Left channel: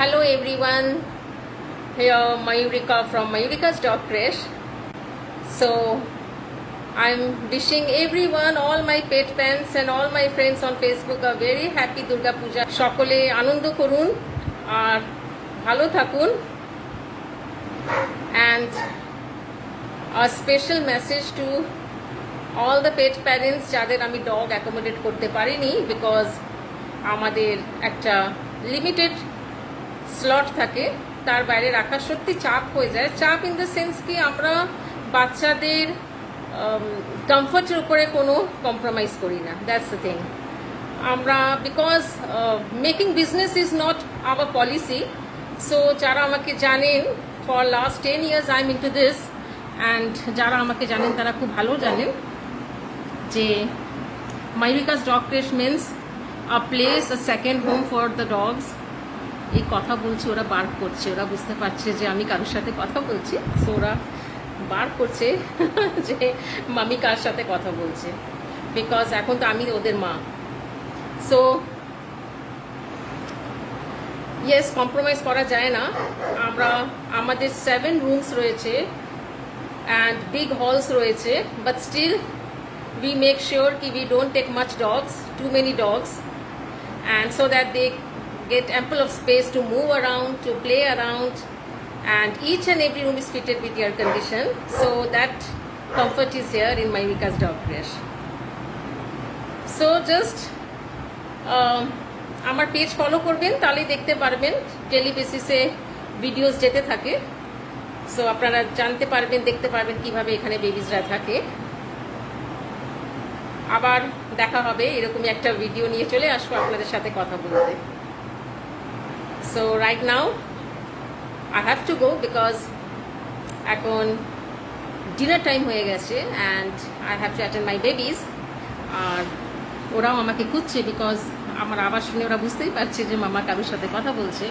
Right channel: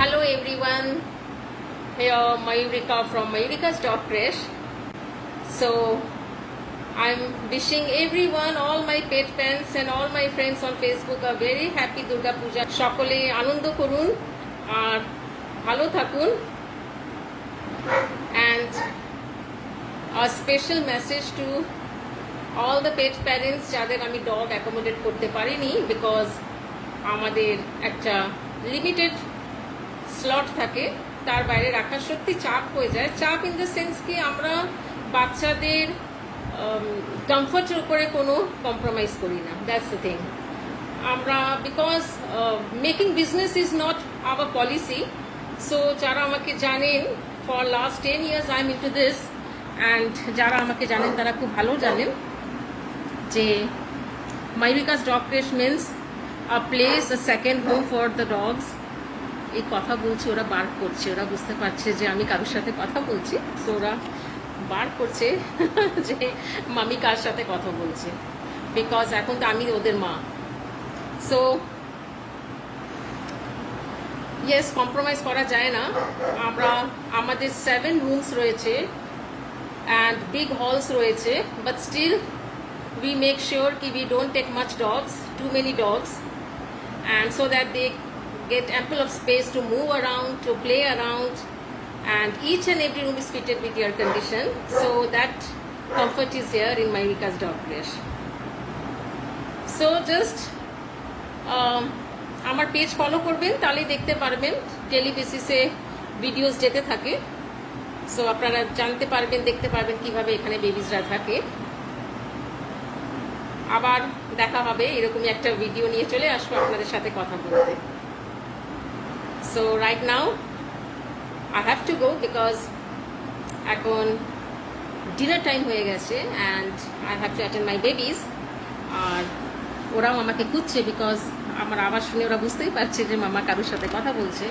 Hello everyone, here Mayurika from Mayurika's Dog Crash. So I'm wishing everyone, all my pet fans and all my friends on Facebook a very happy Durga Puja. সকলে আনন্দ করুন আর ভালো থাকুন. And a special message to all the pet parents যাদের আমি dog accommodate করতে পারিনি because আমাদের একটা লিমিটেড স্লট থাকে, তার বাইরে রাখা সত্যি চাপ হয়ে যায়. চাপ ইন দ্য সেন্স কি আমরা বাচ্চাদের কমফর্টের উপরে কোনো কম্প্রোমাইজ করি না. That's the thing. আমরা because making business is not our policy. So যারা আমাকে জানেন for last 10 years I am into this, and যারা আমাকে জানেন তারা খুব ভালো জানেন যে Mayurika's Dog Crash means a place, a second home for the dogs. এই কথা বলছি, ওরা বার করছে, ওরা বুঝতে পারছে যে আমি কারোর সাথে কথা বলছি, সো ওরা বার করছে যে মামি কার সাথে কথা বলছে, বিকজ এখন তো আমি ওদের মা. সো ইয়েস, কম্প্রোমাইজ করা যায় না. আমরা আমাদের 7 rooms রয়েছে অ্যান্ড বিগ হলস রয়েছে, but still we make sure that we don't take much dogs, too many dogs, and so that they get ample of space to move around, to play around, and each and every room is fitted with air condition, so that comfort is here in Mayurika's Dog Crash. So just আমার page follow করবেন, তাহলে দেখতে পারবেন daily বেসিসে videos যেতে থাকে. So আপনারা জানতে পারবেন, দেখতে পারবেন কিভাবে এখানে বেবিজরা থাকে. আবার দেখা হবে, এরকমই একটা ভিডিও নিয়ে চলে আসবো আপনাদের সাথে কথা বলতে. So right now I have to go because এখন ডিনার টাইম হয়ে গেছে and I have to attend my babies. আর ওরাও আমাকে খুঁজছে বিকজ আমার আওয়াজ শুনে ওরা বুঝতেই পারছে যে মামা কারোর সাথে কথা বলছে.